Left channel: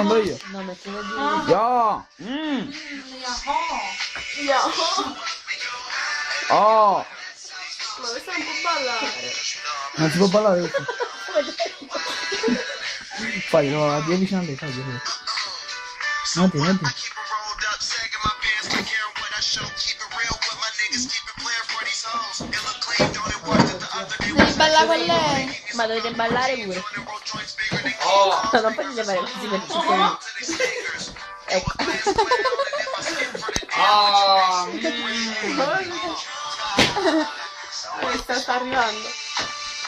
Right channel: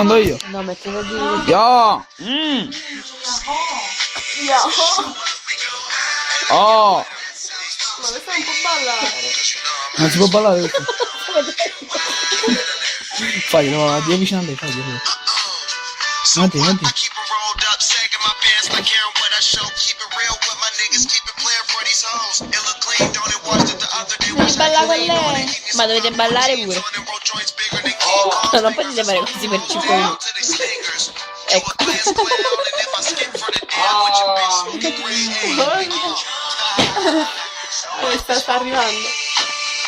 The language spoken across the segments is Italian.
rispondo io. No, mettevo di... Yo! Oh! Ma questo non può ballare. Non si può ballare questo. Faglielo, vai avvicinate, faglielo. Avanti. Devi ballare con lei. Ma dovete ballare pure. Non potete fare così per 5 minuti. Ecco. Sta arrivando.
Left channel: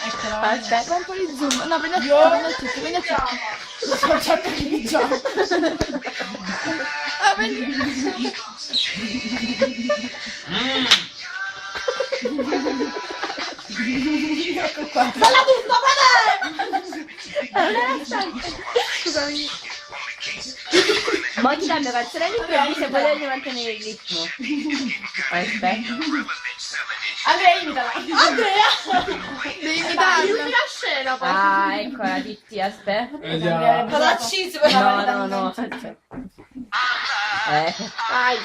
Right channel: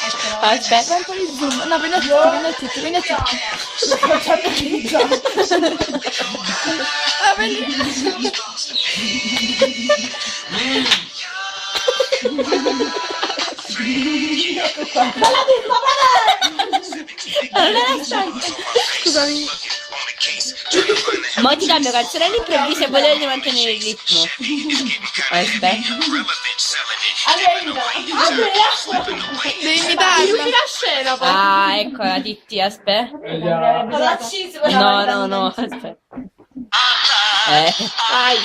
Aspetta. Fai un po' di zoom. No, prendi a tutti. Facciate di già. Ah, prendi. Ecco qua. Balla tutto, balla! Non era stanca. Scusami. Mo ti cambio canzone all'improvviso e voi dovete mantenere il ritmo. Aspetta. Andrea, imitala. Andrea! Devi imitarla. Illumina la scena poi. Ah, ecco la Titti, aspetta. Palazzismo. No, aspetta. Vai.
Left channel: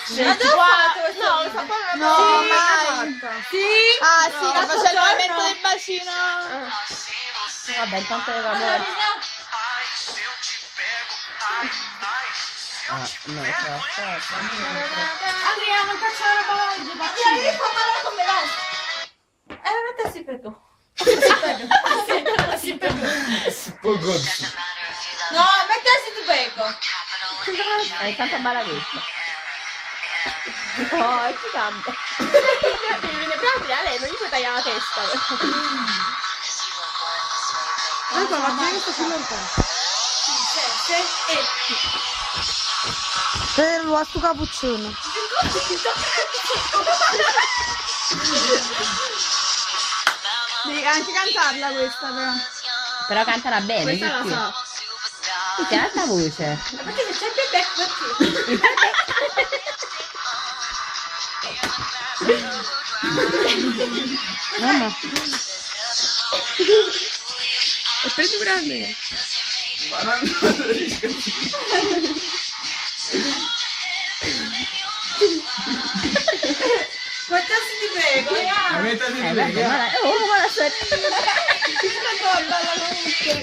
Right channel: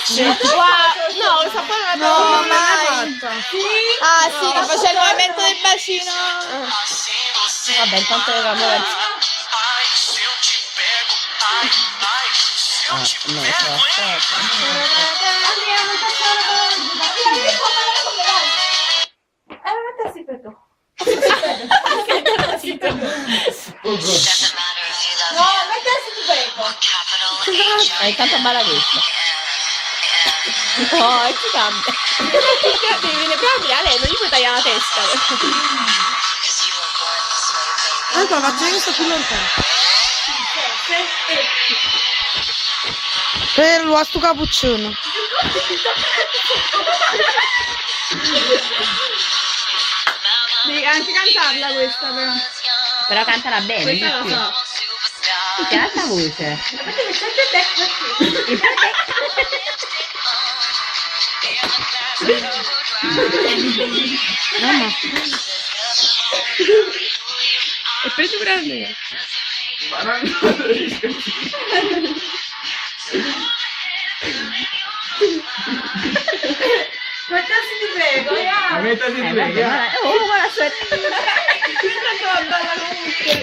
No, lo sapevo. No, mai. Sì. Ah, sì, ma c'è il movimento del bacino. Vabbè, intanto le cambio canzone. Ah, no, aspetta. Andrea, non faccio la roba. Devi parlare con me, vai. Mettersi per tu. Mettersi per tu. No, mettersi tu per Intanto balla questa. No, e ti cambia. Devi venire prima a lei, non gli puoi tagliare la testa. Guarda, la gente sta più lontano. Per lo sto cappuccino. Devi anche cantarla questa però. Però cantala bene, di Questa la più. so. Che alta voce. Mamma. E prendi pure Andrea. Mettasi ti prego, Mettati in piega. Oh, ma aspetta. Questa è bella comunque.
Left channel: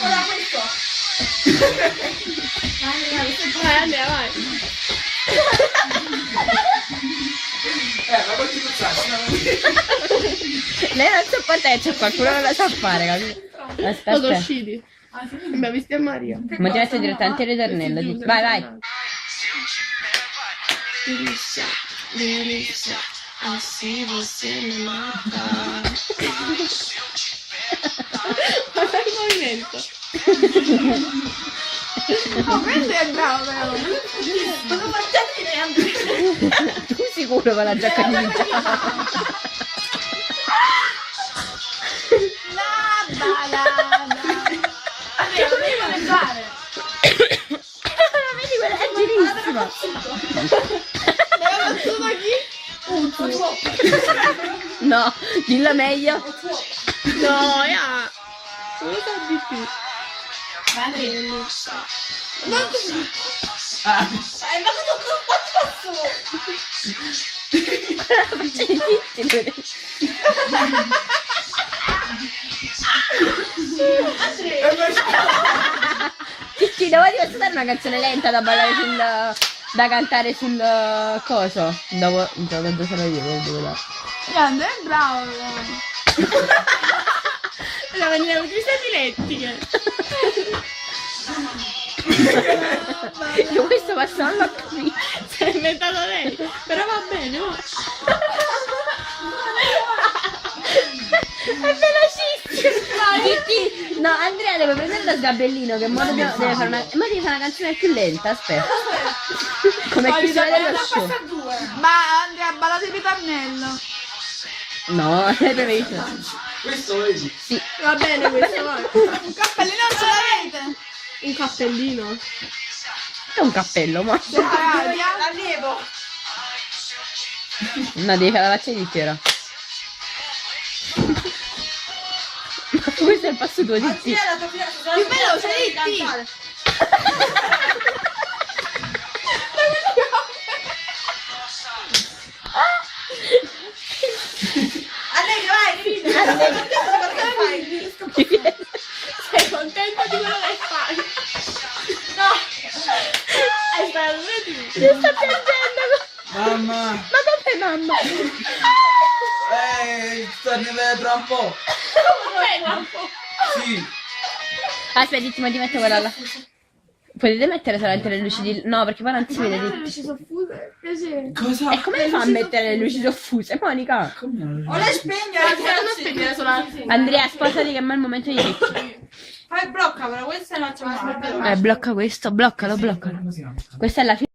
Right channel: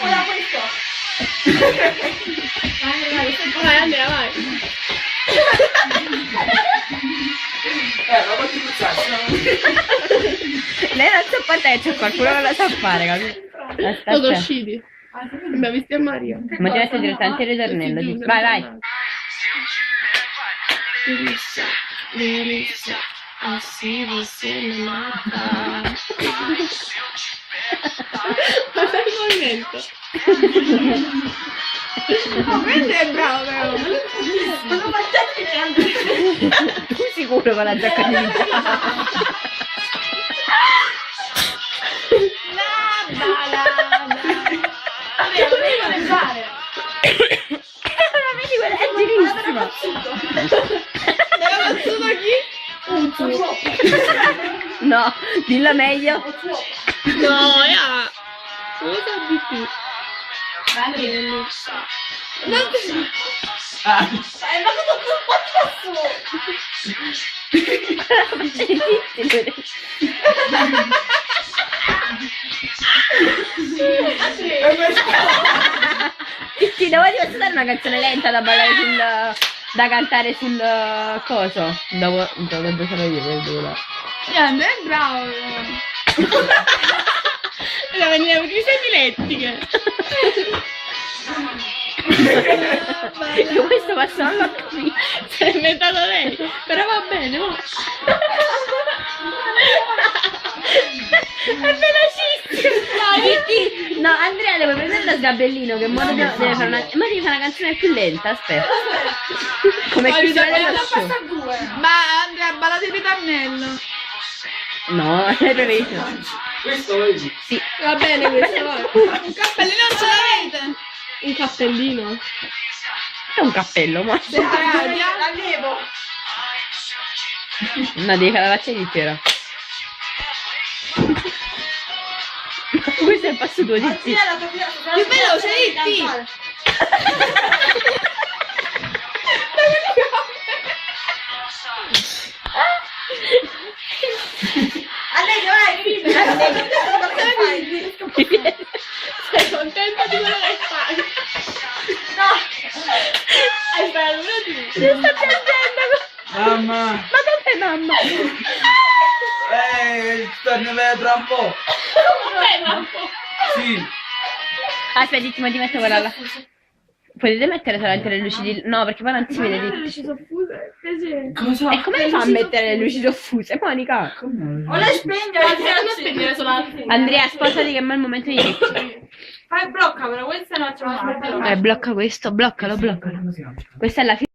Ora questo. Vai Andrea, vai. Ma ti puzzassi, no? Lei non sa fare, c'è qualcuno che la sa fare, capito? Sono Aspetta. usciti. Abbiamo visto a Maria. Ma ti metto direttamente il ritornello. Vai. Delizia, assim você me mata. Guarda il movimento. Oh, prendi è bravo però. Ma non facciate neanche. Tu sicuro con la giacca di La balada. Andrea, non devi mangiare. Ma vedi quella è girissima. Me l'ha battuta chi? No, dilla meglio. No, ya. Cosa di più? Ma Ti devo dare una canzone lenta da ballare da cantare sul coso. Dopo sono io, Andrea è bravo. Allora, veniamo qui sei dilettiche. Io questo passo non l'ho capito. Si è inventato lei. Però va bene, no? È velocissimo. No, Andrea deve prendere da sgabellino che modo deve fare una. Ma devi fare una canzone più lenta, aspetta. Come Poi chiusura bisogna dello show. Ma Andrea, ballate il ritornello. No, è preferito. Questo vedi? Sì. Va bene questo, vai. Un cappellino non ce l'avete? Un cappellino? È un cappello, ma. L'allievo. No, devi fare la faccia intera. Questo è il passo tuo, zitti. Più veloce, Ritti. Sei contenta di quello che fai? No! Aspetta, un attimo. Si sta piangendo. Mamma! Ma dov'è mamma? Tornerei tra un po'. Sì. Aspetta, zitti, ma ti metto quella là. Potete mettere solamente le luci di... No, perché poi non si vede. Le Zitti. luci soffuse? Piacere. Cosa? E come fa a mettere le luci soffuse, Monica? Come? O le spegnere, non spegnere solo la Andrea, spostati che è il momento di Ricky. Fai bloccamela, questa è una chiamata. Blocca questo, bloccalo. Come si chiama? Questa è la fine.